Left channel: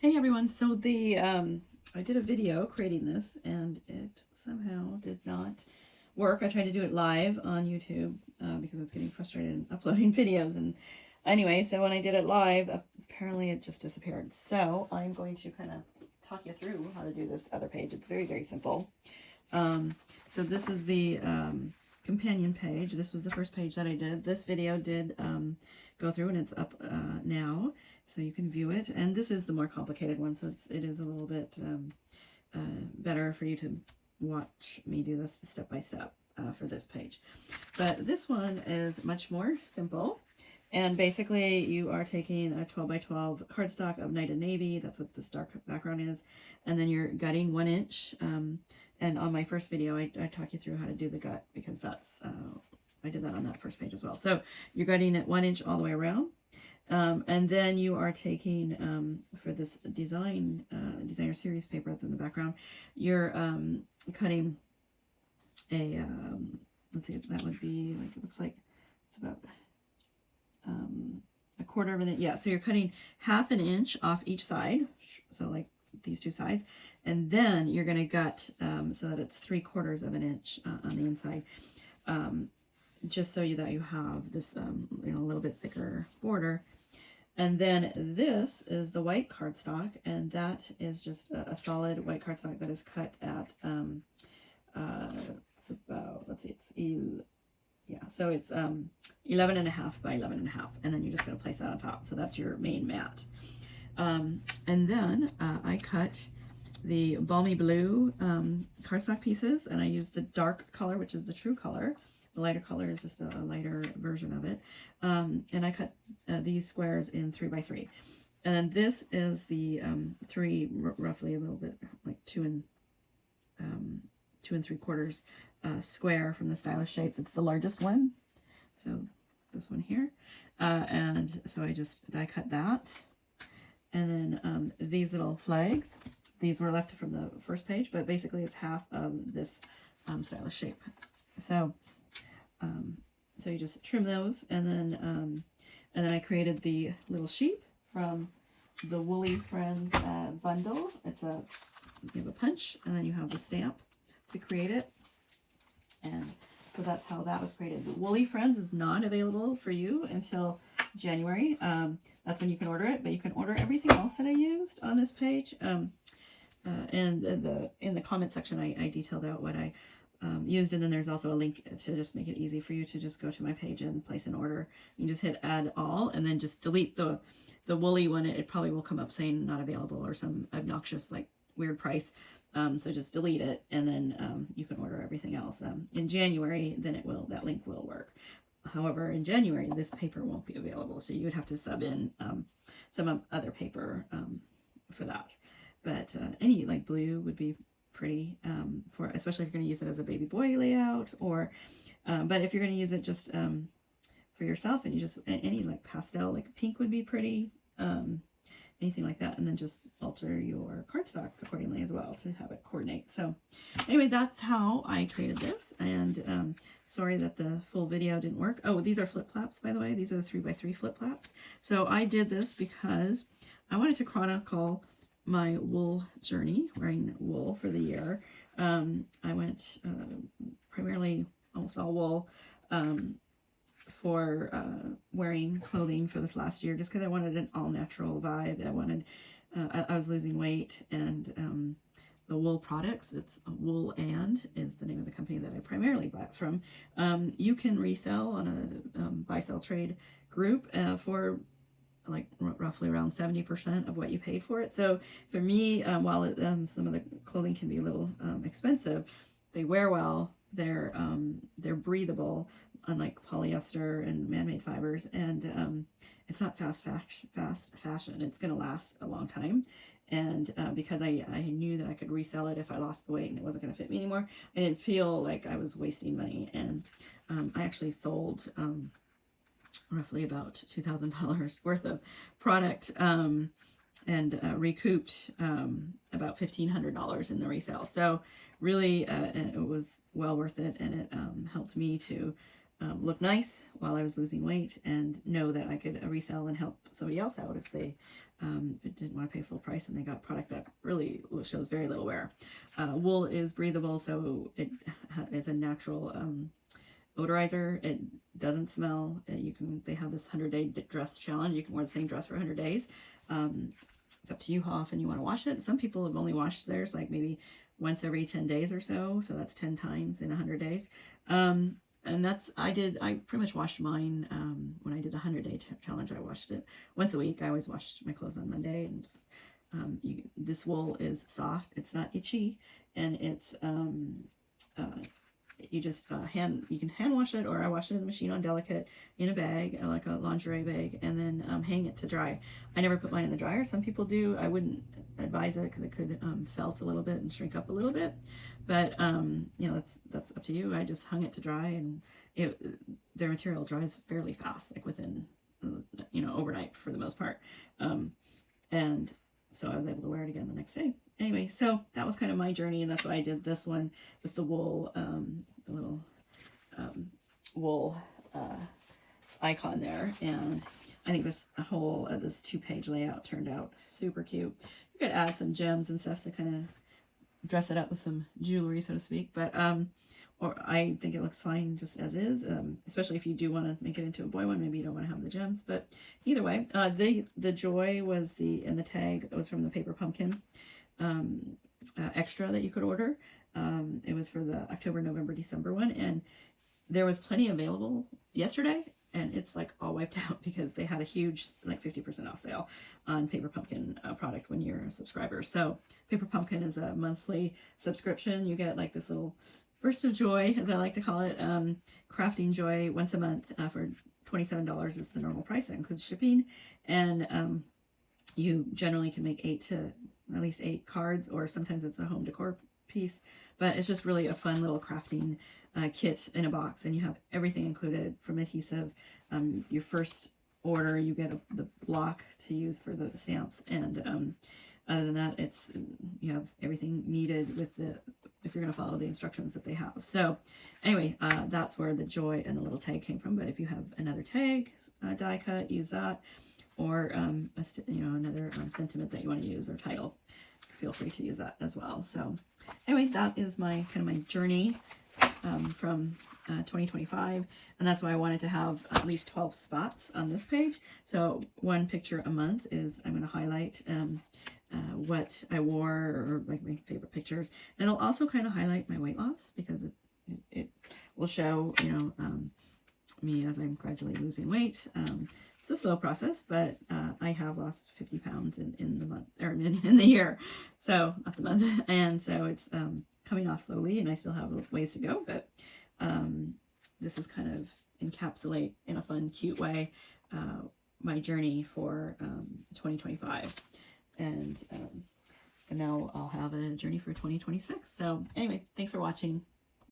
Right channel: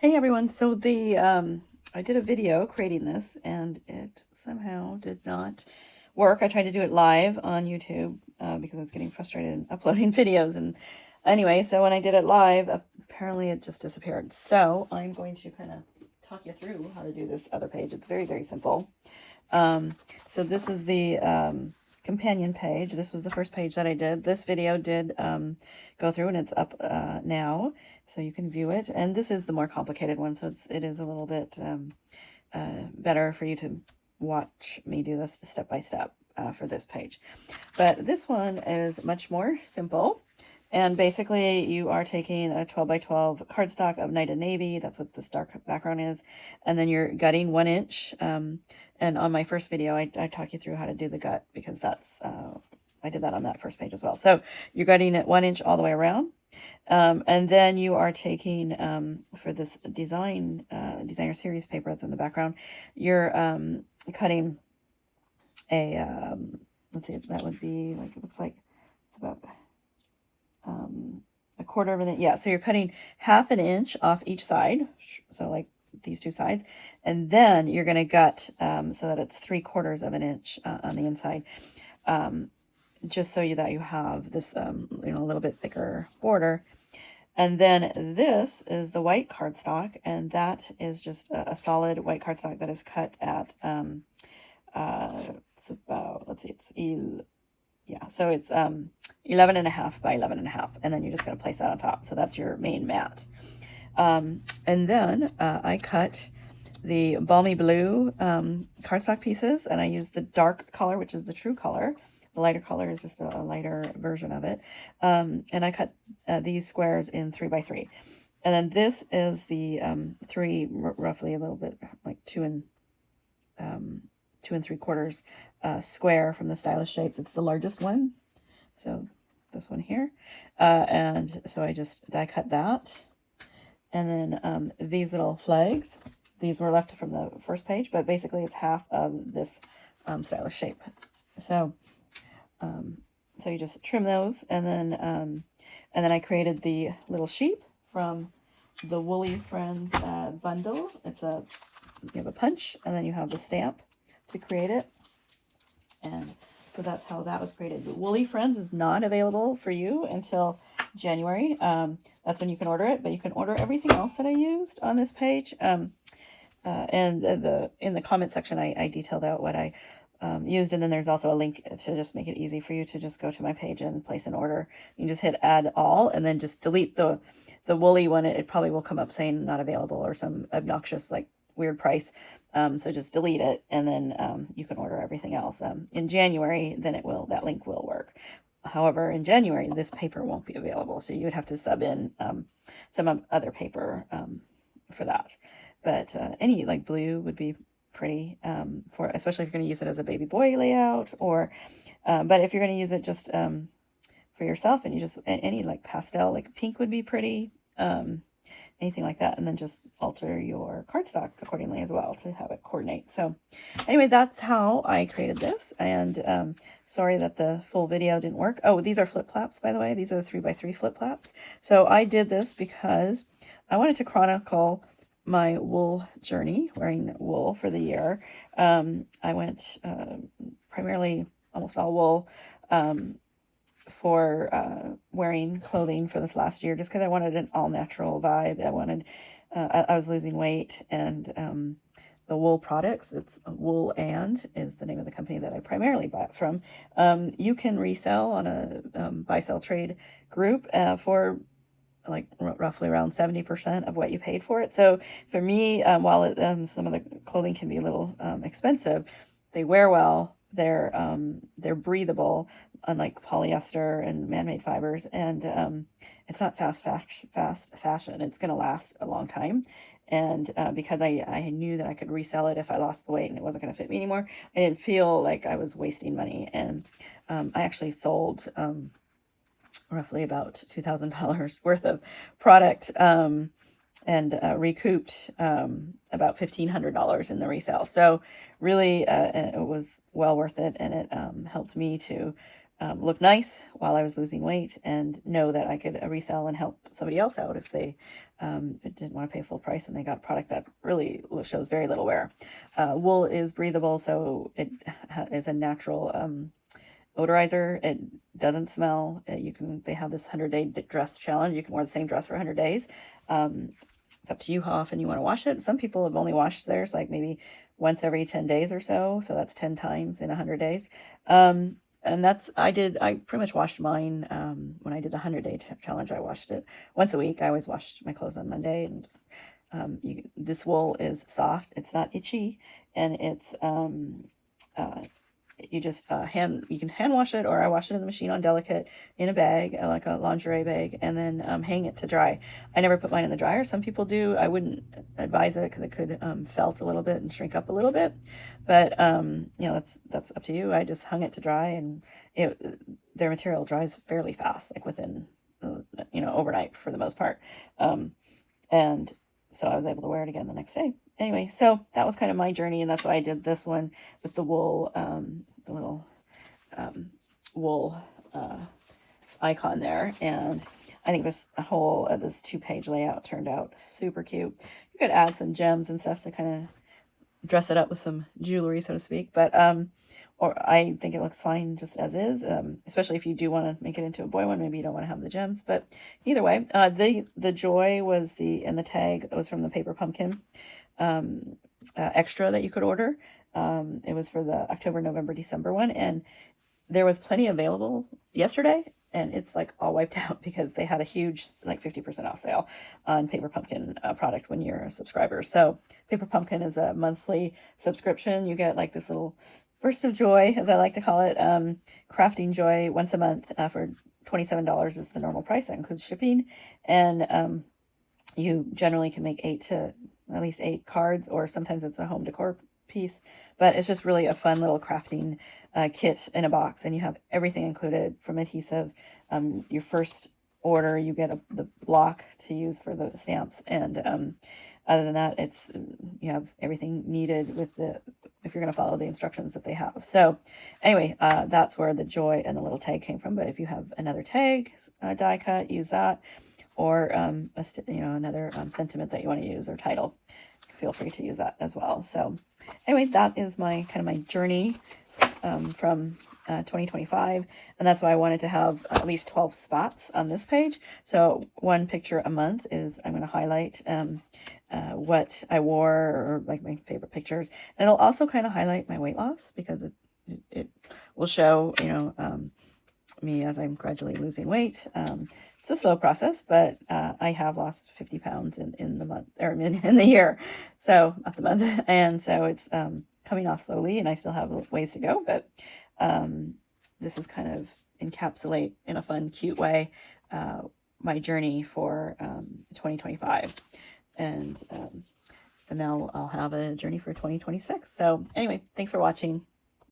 Hey everyone, so I did a video creating this and it somehow did not work. I tried to do it live on YouTube because I was getting frustrated in uploading videos, and anyway, so when I did it live, apparently it just disappeared. So I'm going to kind of talk you through how to do this other page. It's very, very simple. Um, so this is the companion page. This was the first page that I did. This video did go through and it's up now, so you can view it. And this is the more complicated one, so it is a little bit better for you to watch me do this step by step for this page. But this one is much more simple. And basically you are taking a 12 by 12 cardstock of Night and Navy. That's what this dark background is. And then you're gutting 1 inch. And on my first video, I talk you through how to do the gut because that's, I did that on that first page as well. So you're gutting it 1 inch all the way around. And then you are taking, for this designer series paper that's in the background, you're cutting a, let's see, that would be like, it looks like it's about a quarter of an inch. Yeah, so you're cutting 1/2 inch off each side, so like these two sides, and then you're going to gut so that it's 3/4 of an inch on the inside, just so that you have this a little bit thicker border. And then this is the white cardstock, and that is just a solid white cardstock that is cut at it's about, let's see, so it's 11.5 by 11.5, and then you're just going to place that on top. So that's your main mat. And then I cut the Balmy Blue cardstock pieces, and I used the dark color, which is the true color. The lighter color is just a lighter version of it. And I cut these squares in 3 by 3. And then this is the roughly a little bit like 2 and 3/4 square from the Stylish Shapes. It's the largest one, so this one here, and so I die cut that. And then these little flags, these were left from the first page, but basically it's half of this Stylish Shape. So so you just trim those, and then I created the little sheep from the Woolly Friends bundle. You have a punch, and then you have the stamp to create it. And so that's how that was created. The Woolly Friends is not available for you until January. That's when you can order it, but you can order everything else that I used on this page. And in the comment section, I detailed out what I used, and then there's also a link to just make it easy for you to just go to my page and place an order. You can just hit add all, and then just delete the woolly one. It probably will come up saying not available or some obnoxious like weird price. So just delete it, and then you can order everything else. In January, then that link will work. However, in January, this paper won't be available, so you would have to sub in some other paper for that. But any like blue would be pretty, especially if you're going to use it as a baby boy layout, or but if you're going to use it just for yourself, and you just any like pastel, like pink would be pretty, anything like that, and then just alter your cardstock accordingly as well to have it coordinate. So anyway, that's how I created this, and sorry that the full video didn't work. Oh, these are flip flaps, by the way. These are the 3 by 3 flip flaps. So I did this because I wanted to chronicle my wool journey, wearing wool for the year. I went primarily almost all wool for wearing clothing for this last year, just because I wanted an all-natural vibe. I was losing weight, and the wool products, it's Wool And is the name of the company that I primarily bought from. You can resell on a buy-sell trade group for like roughly around 70% of what you paid for it. So for me, while some of the clothing can be a little expensive, they wear well. They're breathable, unlike polyester and man-made fibers, and it's not fast fashion. It's going to last a long time. And because I knew that I could resell it if I lost the weight and it wasn't going to fit me anymore, I didn't feel like I was wasting money. And I actually sold roughly about $2,000 worth of product, and recouped about $1,500 in the resale. So really, it was well worth it, and it helped me to look nice while I was losing weight, and know that I could resell and help somebody else out if they didn't want to pay full price and they got product that really shows very little wear. Wool is breathable, so it is a natural odorizer. It doesn't smell. They have this 100-day dress challenge. You can wear the same dress for 100 days. It's up to you how often you want to wash it. Some people have only washed theirs like maybe once every 10 days or so. So that's 10 times in 100 days. And I pretty much washed mine, when I did the 100-day challenge. I washed it once a week. I always washed my clothes on Monday, and just, this wool is soft. It's not itchy, and it's, you just, you can hand wash it, or I wash it in the machine on Delicate in a bag, like a lingerie bag, and then, hang it to dry. I never put mine in the dryer. Some people do. I wouldn't advise it because it could, felt a little bit and shrink up a little bit, but, that's up to you. I just hung it to dry, and their material dries fairly fast, like within, overnight for the most part. And so I was able to wear it again the next day. Anyway, so that was kind of my journey, and that's why I did this one with the wool, the little wool icon there. And I think this whole this 2-page layout turned out super cute. You could add some gems and stuff to kind of dress it up with some jewelry, so to speak. But or I think it looks fine just as is, especially if you do want to make it into a boy one. Maybe you don't want to have the gems, but either way, the joy was and the tag was from the Paper Pumpkin extra that you could order. It was for the October, November, December one, and there was plenty available yesterday, and it's like all wiped out because they had a huge, like 50% off sale on Paper Pumpkin product when you're a subscriber. So Paper Pumpkin is a monthly subscription. You get like this little burst of joy, as I like to call it, crafting joy once a month for $27 is the normal price. That includes shipping, and you generally can make at least 8 cards, or sometimes it's a home decor piece, but it's just really a fun little crafting kit in a box, and you have everything included from adhesive. Your first order, you get the block to use for the stamps, and other than that, you have everything needed if you're going to follow the instructions that they have. So anyway, that's where the joy and the little tag came from. But if you have another tag die cut, use that, or another sentiment that you want to use or title, feel free to use that as well. So anyway, that is my journey from 2025, and that's why I wanted to have at least 12 spots on this page. So one picture a month is I'm going to highlight what I wore, or like my favorite pictures, and it'll also kind of highlight my weight loss, because it will show me as I'm gradually losing weight. It's a slow process, but I have lost 50 pounds in the month, or in the year, so not the month, and so it's coming off slowly, and I still have ways to go, but this is kind of encapsulate in a fun, cute way my journey for 2025, and now I'll have a journey for 2026. So anyway, thanks for watching.